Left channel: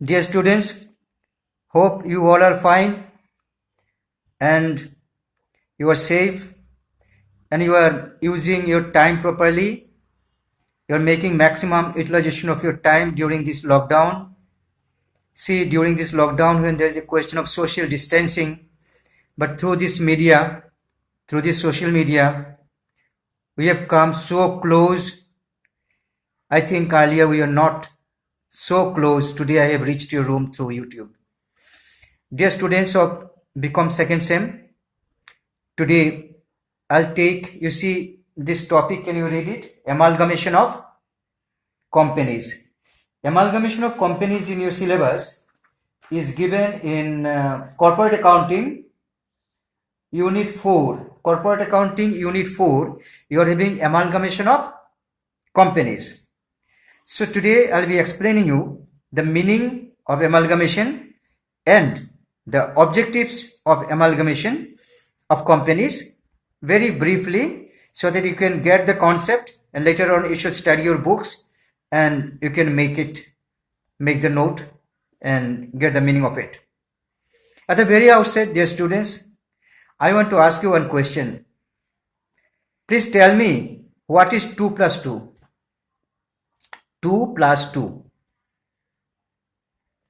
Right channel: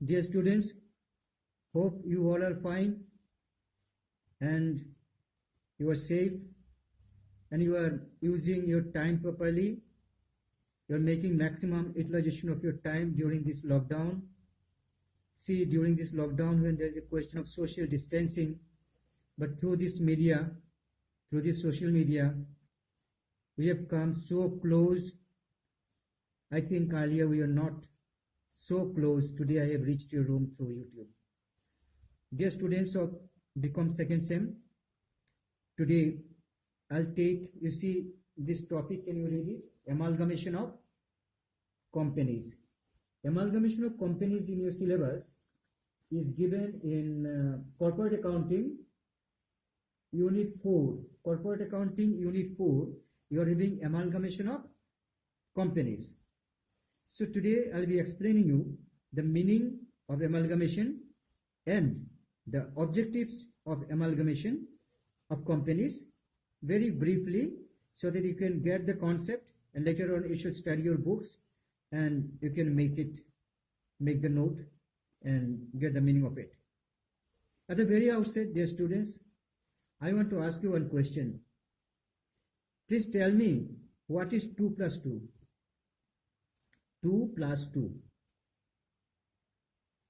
Dear students, hope you all are fine and you are safe and you are using your time properly. You are making maximum utilization of your time during this lockdown. See, during this lockdown, when there is a question of social distancing, but through this media, through this social media, we have come so close. I think earlier we are not so close. Today I have reached your room through YouTube. Dear students of BCom second sem, today I'll take, you see this topic, can you read it? Amalgamation of companies. Amalgamation of companies in your syllabus is given in corporate accounting unit 4. Corporate accounting unit 4, you are having amalgamation of companies. So today I'll be explaining you the meaning of amalgamation and the objectives of amalgamation of companies very briefly, so that you can get the concept, and later on you should study your books and you can make the note and get the meaning of it. At the very outset, dear students, I want to ask you one question. Please tell me, what is 2 plus 2? 2 plus 2.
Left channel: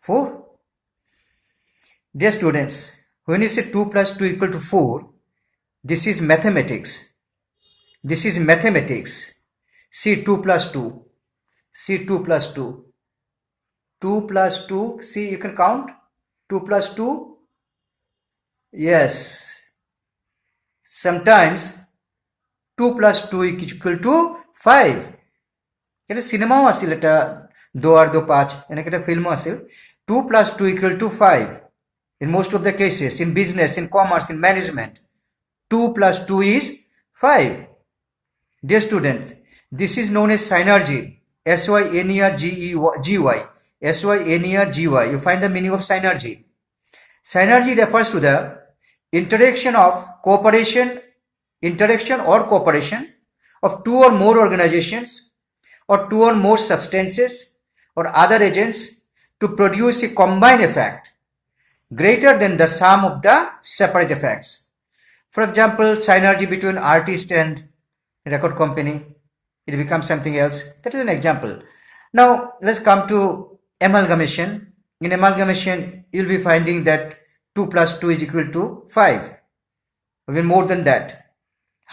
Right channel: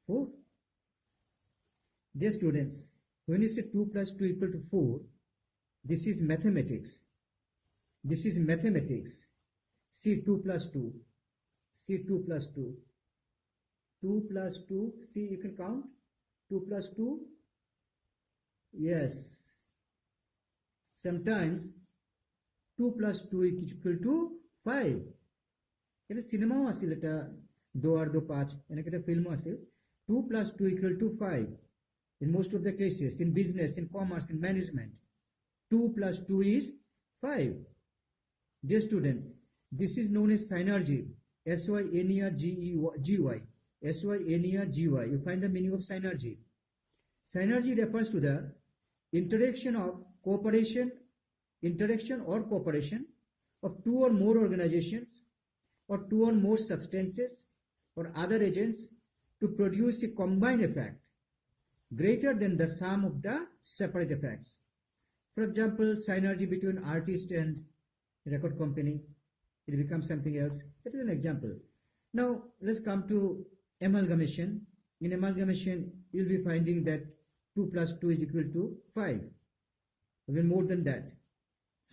4. Dear students, when you say 2 plus 2 equal to 4, this is mathematics. This is mathematics. See 2 plus 2. See 2 plus 2. 2 plus 2. See, you can count. 2 plus 2. Yes. Sometimes 2 plus 2 equal to 5. এটা সিনেমাও আছিল, এটা 2 আর 2 5, এনেকে একটা ফিল্মও আছিল. 2 plus 2 equal to 5 in most of the cases, in business, in commerce, in management. 2 plus 2 is 5. Dear students, this is known as synergy. S-Y-N-E-R-G-Y. S-Y-N-E-R-G-Y. You find the meaning of synergy. Synergy refers to the interaction or cooperation of two or more organizations or two or more substances or other agents to produce a combined effect greater than the sum of the separate effects. For example, synergy between artist and record company, it becomes something else. That is an example. Now let's come to amalgamation. In amalgamation, you'll be finding that 2 plus 2 is equal to 5, even more than that.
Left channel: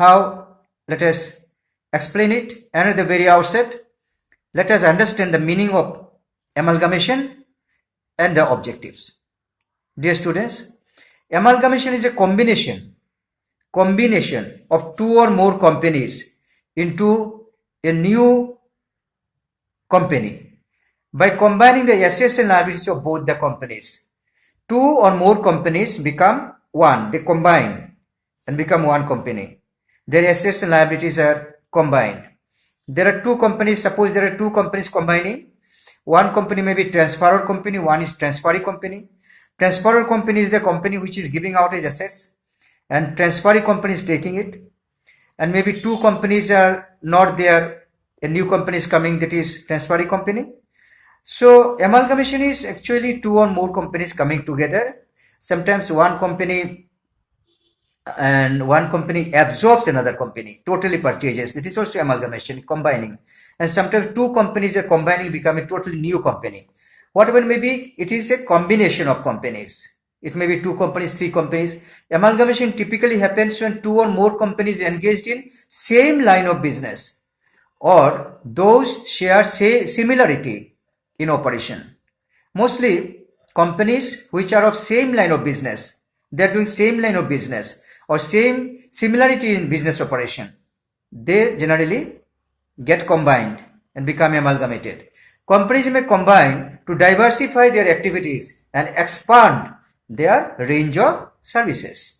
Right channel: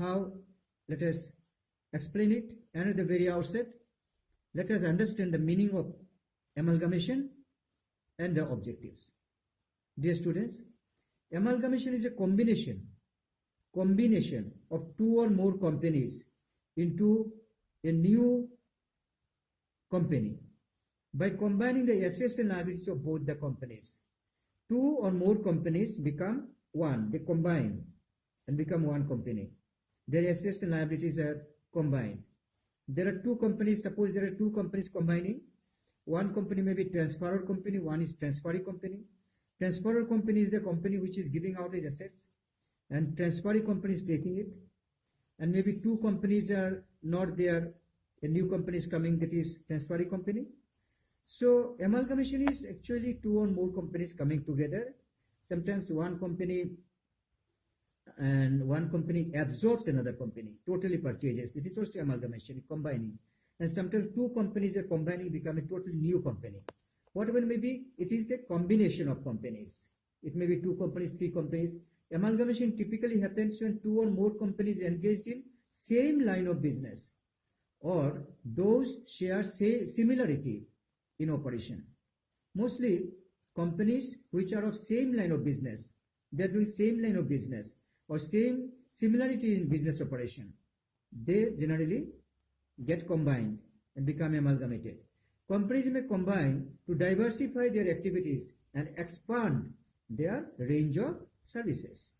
How? Let us explain it. And at the very outset, let us understand the meaning of amalgamation and the objectives. Dear students, amalgamation is a combination of two or more companies into a new company by combining the assets and liabilities of both the companies. Two or more companies become one. They combine and become one company. Their assets and liabilities are combined. There are two companies. Suppose there are two companies combining. One company may be transferor company, one is transferee company. Transferor company is the company which is giving out its assets, and transferee company is taking it. And maybe two companies are not there, a new company is coming, that is transferee company. So amalgamation is actually two or more companies coming together. Sometimes one company absorbs another company, totally purchases. That is also amalgamation, combining. And sometimes two companies are combining, become a totally new company. Whatever may be, it is a combination of companies. It may be two companies, three companies. Amalgamation typically happens when two or more companies engaged in same line of business, or those share similarity in operation. Mostly companies which are of same line of business, they are doing same line of business or same similarity in business operation, they generally get combined and become amalgamated. Companies may combine to diversify their activities and expand their range of services.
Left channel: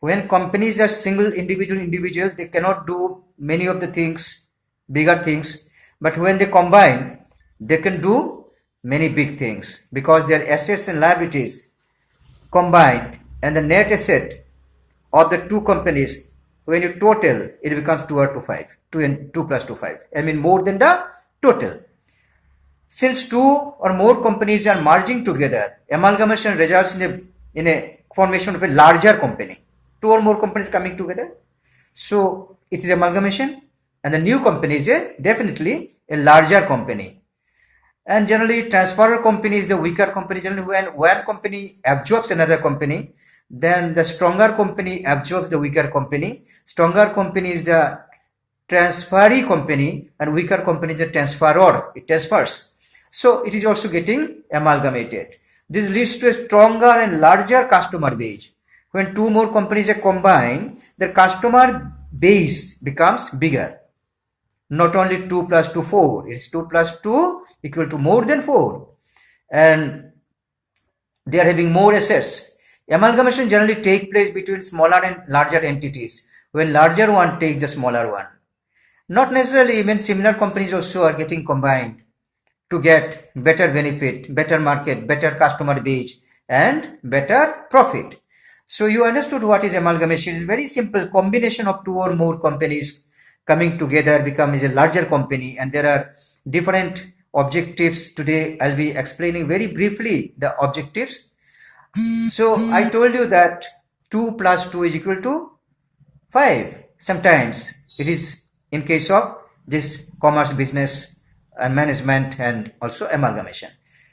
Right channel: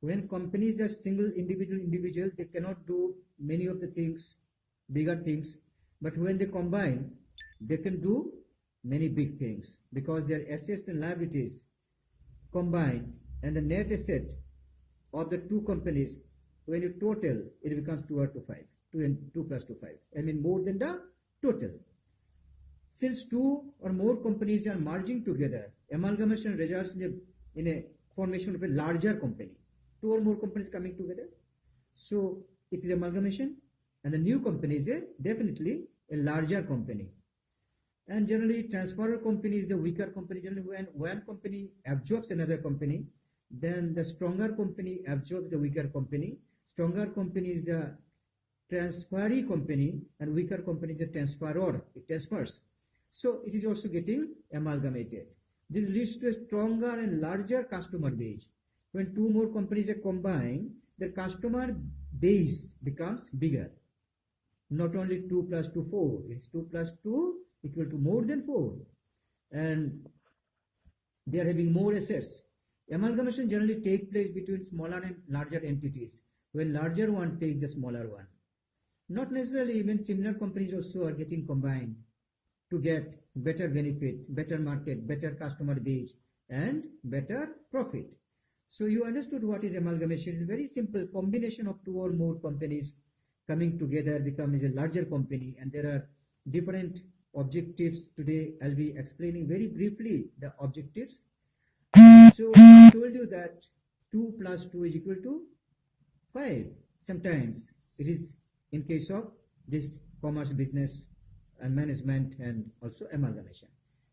When companies are single individuals, they cannot do many of the things, bigger things. But when they combine, they can do many big things, because their assets and liabilities combined, and the net asset of the two companies, when you total, it becomes 2 or 2 5. 2 plus 2 5. I mean more than the total. Since two or more companies are merging together, amalgamation results in a formation of a larger company. Two or more companies coming together. So it is amalgamation, and the new company is definitely a larger company. And generally, transferor company is the weaker company. Generally, when one company absorbs another company, then the stronger company absorbs the weaker company. Stronger company is the transferee company, and weaker company is the transferor. It transfers. So it is also getting amalgamated. This leads to a stronger and larger customer base. When two more companies are combined, the customer base becomes bigger. Not only 2 plus 2, 4. It's 2 plus 2 equal to more than 4. And they are having more assets. Amalgamation generally take place between smaller and larger entities, when larger one takes the smaller one. Not necessarily, even similar companies also are getting combined to get better benefit, better market, better customer base, and better profit. So you understood what is amalgamation. It's very simple. Combination of two or more companies coming together becomes a larger company, and there are different objectives. Today I'll be explaining very briefly the objectives. So I told you that 2 plus 2 is equal to 5. Sometimes it is in case of this commerce, business and management, and also amalgamation.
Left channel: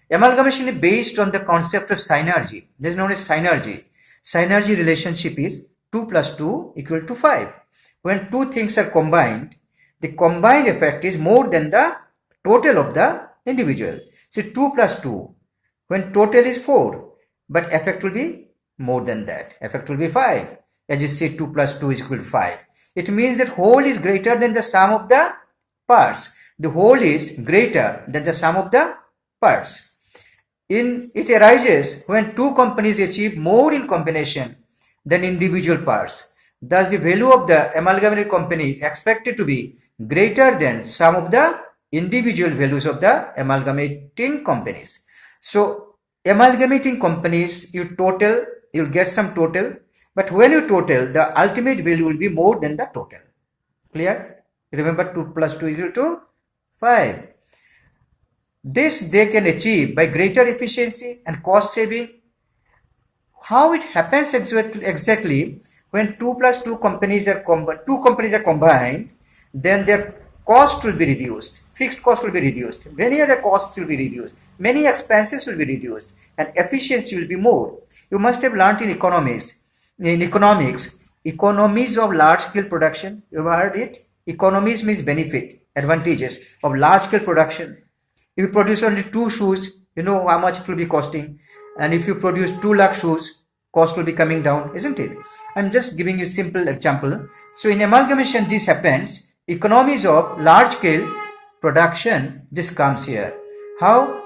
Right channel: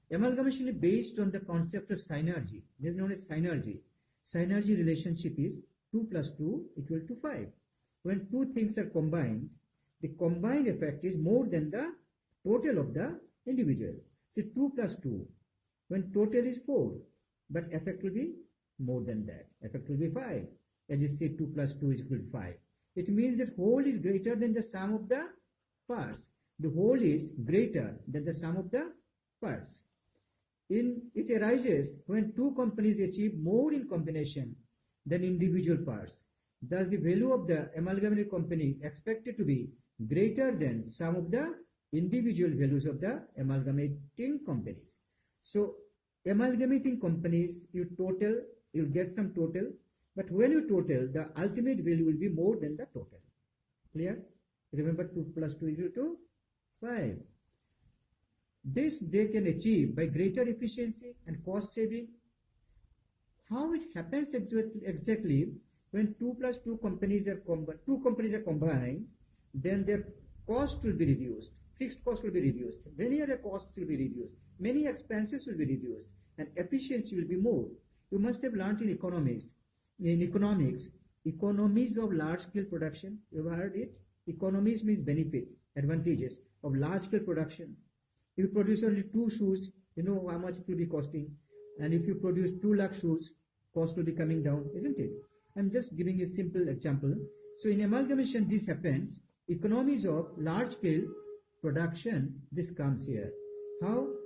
Amalgamation is based on the concept of synergy. This is known as synergy. Synergy relationship is 2 plus 2 equal to 5. When two things are combined, the combined effect is more than the total of the individual. So 2 plus 2, when total is 4, but effect will be more than that. Effect will be 5. As you see, 2 plus 2 is equal to 5. It means that whole is greater than the sum of the parts. The whole is greater than the sum of the parts. It arises when two companies achieve more in combination than individual parts. Thus, the value of the amalgamated company is expected to be greater than sum of the individual values of the amalgamating companies. So, amalgamating companies, you'll get some total, but when you total, the ultimate value will be more than the total. Clear? Remember, 2 plus 2 is equal to 5. This they can achieve by greater efficiency and cost saving. How it happens exactly when 2 plus 2 companies are combined, then their cost will be reduced. Fixed cost will be reduced. Many other costs will be reduced. Many expenses will be reduced, and efficiency will be more. You must have learned in economics, economies of large-scale production. You have heard it? Economies means benefit, advantages of large-scale production. If you produce only 2 shoes, you know how much it will be costing. And if you produce 2 lakh shoes, cost will be coming down, isn't it? I'm just giving you a simple example. So in amalgamation, this happens. Economies of large-scale production, this comes here. How?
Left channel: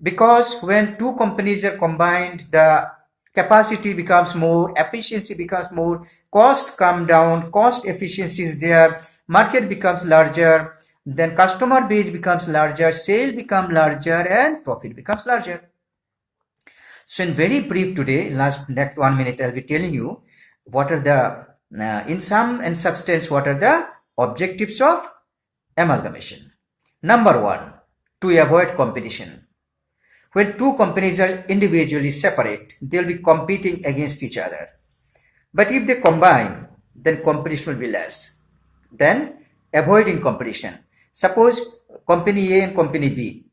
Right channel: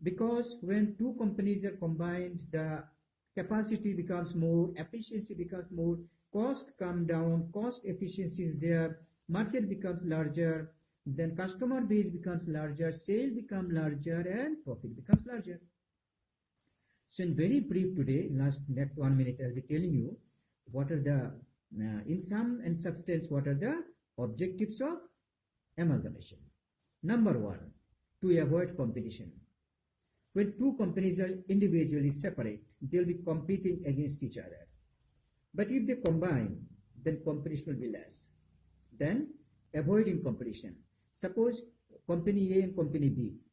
Because when two companies are combined, the capacity becomes more, efficiency becomes more, costs come down, cost efficiency is there, market becomes larger, then customer base becomes larger, sale becomes larger, and profit becomes larger. So in very brief today, next 1 minute, I'll be telling you what are the, in sum and substance, what are the objectives of amalgamation. Number 1, to avoid competition. When two companies are individually separate, they'll be competing against each other. But if they combine, then competition will be less. Then avoiding competition. Suppose company A and company B,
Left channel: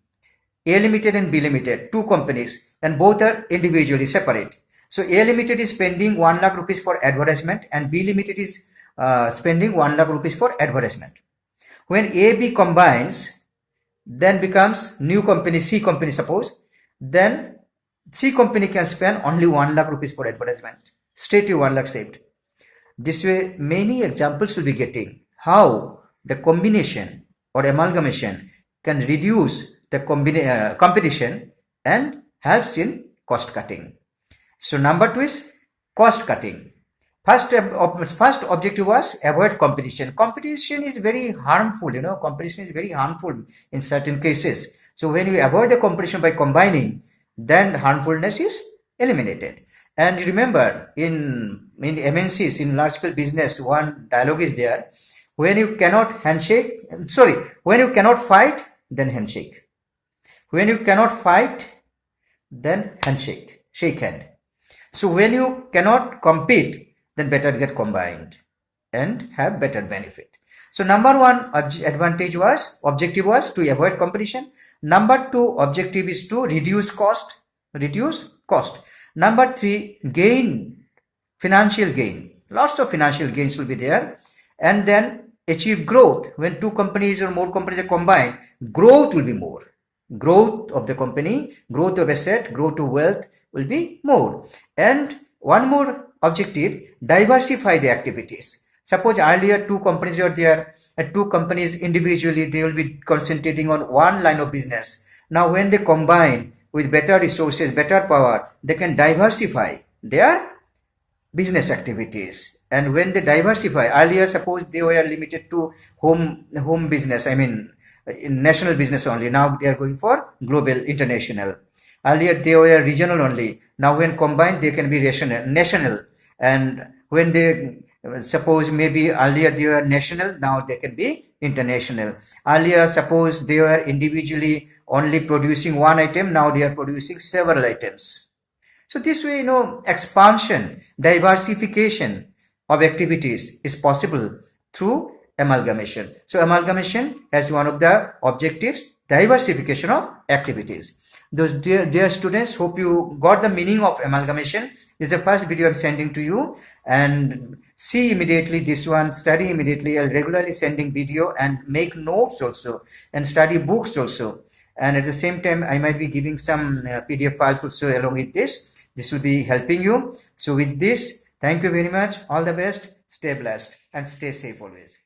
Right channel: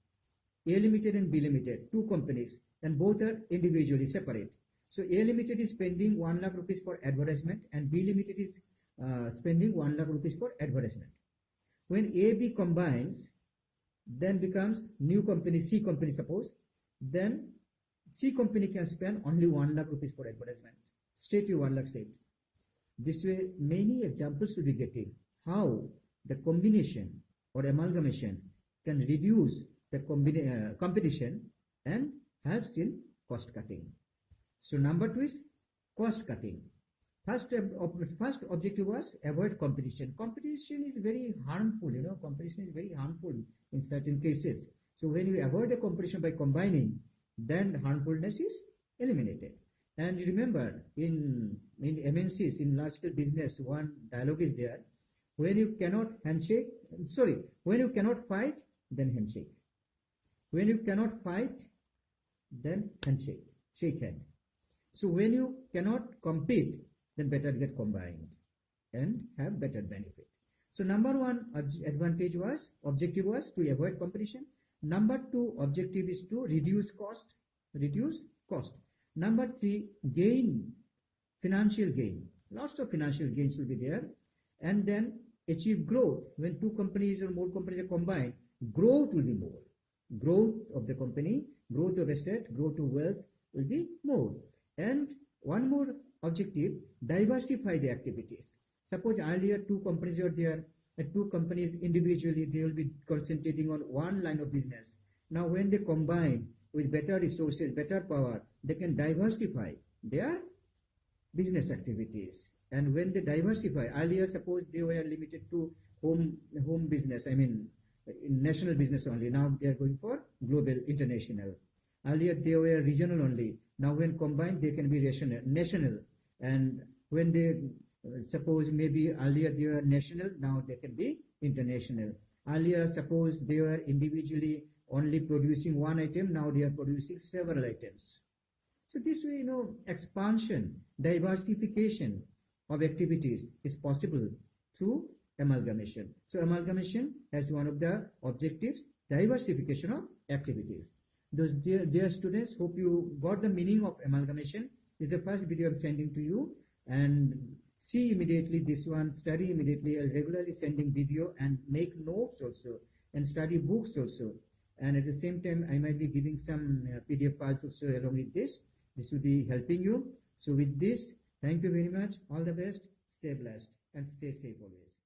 A Limited and B Limited, two companies, and both are individually separate. So A Limited is spending 1 lakh rupees for advertisement, and B Limited is spending 1 lakh rupees for advertisement. When AB combines, then becomes new company, C company suppose, then C company can spend only 1 lakh rupees for advertisement. Straight to 1 lakh saved. This way, many examples will be getting how the combination or amalgamation can reduce the competition and helps in cost cutting. So number 2 is cost cutting. First objective was avoid competition. Competition is very harmful, competition is very harmful in certain cases. So when you avoid the competition by combining, then harmfulness is eliminated. And remember, in MNCs, in large scale business, one dialogue is there. When you cannot fight, then handshake. When you cannot fight, then handshake, shake hand. So when you cannot compete, then better get combined and have better benefit. So number one objective was to avoid competition. Number two objective is to reduce cost. Number three, financial gain. Lots of financial gains will be there. And then achieve growth. When two companies or more companies are combined, growth will be more. Growth of the company, growth of asset, growth of wealth will be more. And one more objective, diversify the activities. Suppose earlier two companies were there, and two companies individually, they will be concentrating on one line of business. Now when they combine with better resources, better power, they can diversify their business activities. And when they diversify, earlier suppose they were limited to home business, in national business only. Now they are going for global, international. Earlier they were regional only. Now when combined, they can be national. And when they suppose maybe earlier they were national, now they can be international. Earlier suppose they were individually only producing one item, now they are producing several items. So this way, expansion, diversification of activities is possible through amalgamation. So amalgamation has one of the objectives, diversification of activities. Those dear students, hope you got the meaning of amalgamation. This is the first video I'm sending to you, and see immediately this one, study immediately. I'll regularly sending video and make notes also and study books also. And at the same time, I might be giving some PDF files also along with this. This will be helping you. So with this, thank you very much. All the best. Stay blessed and stay safe always.